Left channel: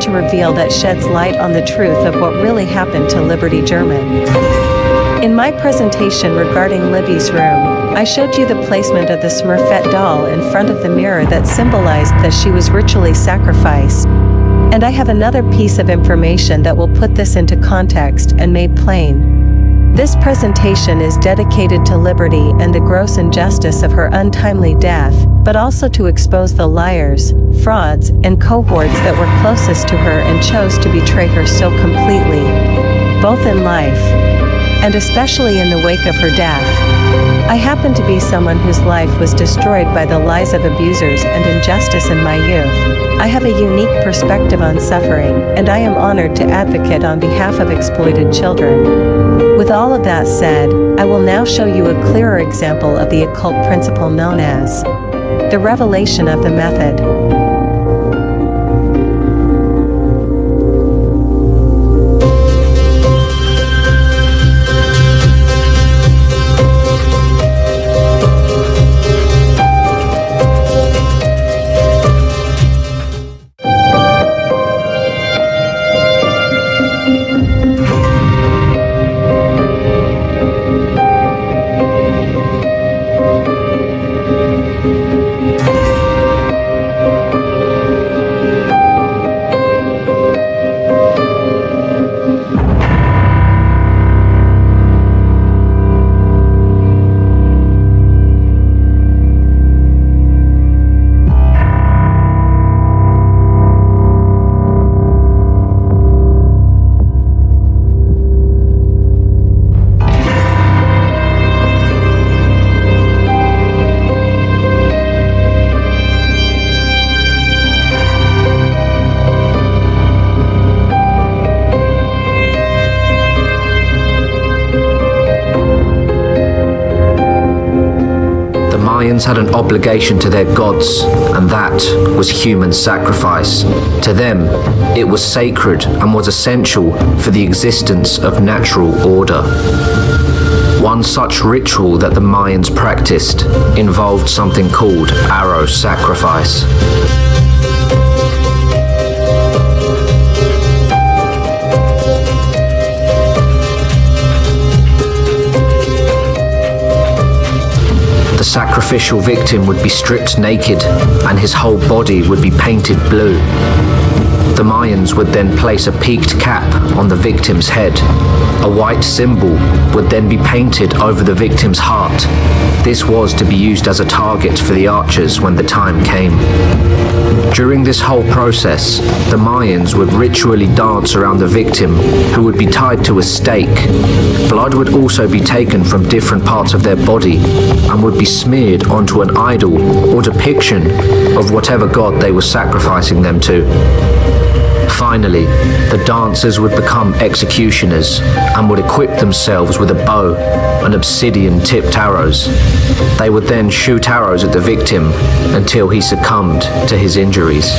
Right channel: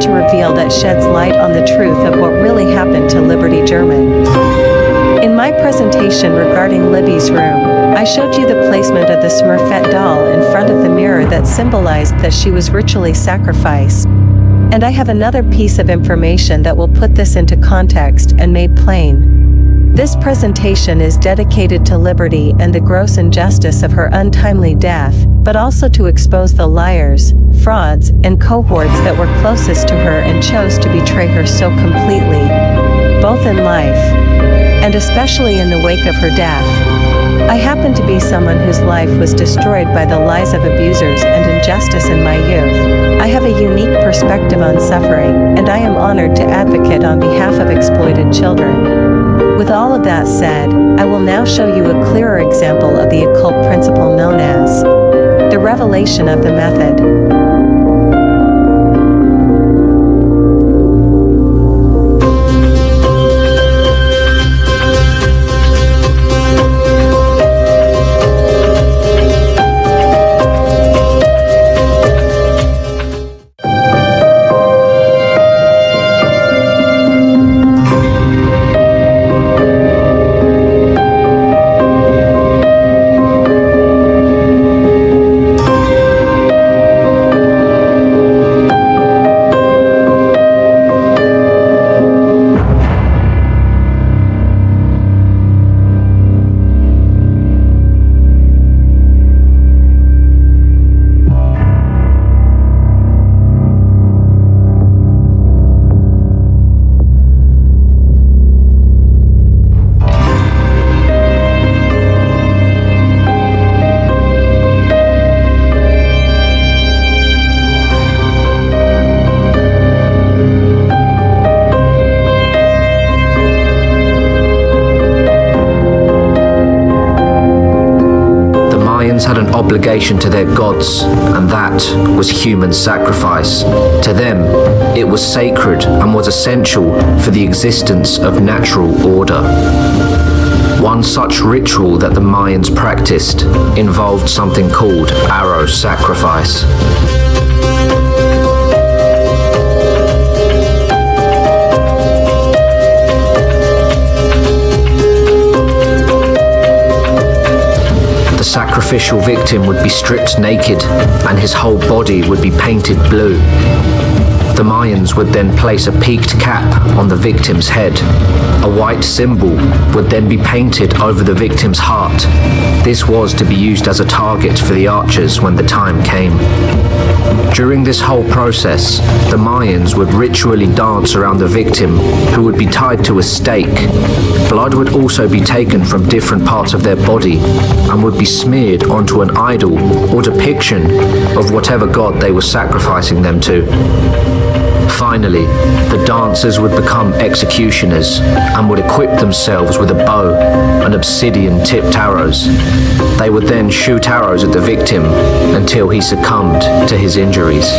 about to reveal that sheds light on the truth of what really happened to Liberty German. In my presentation regarding Libby's room, I showed you the placement of the Smurfette doll in front of the mirror that symbolized that she was ritually sacrificed. And I have another piece of information that will put this into context and made plain. This presentation is dedicated to Liberty and the gross injustice of her untimely death, but also to expose the liars, frauds, and cohorts that were closest to her and chose to betray her so completely, both in life and especially in the wake of her death. I happen to be someone whose life was destroyed by the lies of abusers and injustice in my youth. I have a unique perspective on suffering, and I am honored to advocate on behalf of exploited children. With all of that said, I will now show you a clearer example of the occult principle known as the revelation of the method. Mayans had an obligation to their gods, and that was human sacrifice. To them, it was sacred and was essential for the existence of natural order. One such ritual that the Mayans practiced involved something called arrow sacrifice. The sacrificial victim would be stripped naked and his whole body would be painted blue. The Mayans would then place a peaked cap on the victim's head. A white symbol would then be painted over the victim's heart. This was to be used as a target for the archers when the time came. During this whole process, the Mayans would ritually dance around the victim, who would be tied to a stake. Blood would also be taken from different parts of their body and would be smeared onto an idol or depiction of whatever god they were sacrificing them to. Finally, the dancers would become executioners and would equip themselves with a bow and obsidian-tipped arrows. They would then shoot arrows at the victim until he succumbed to his injuries.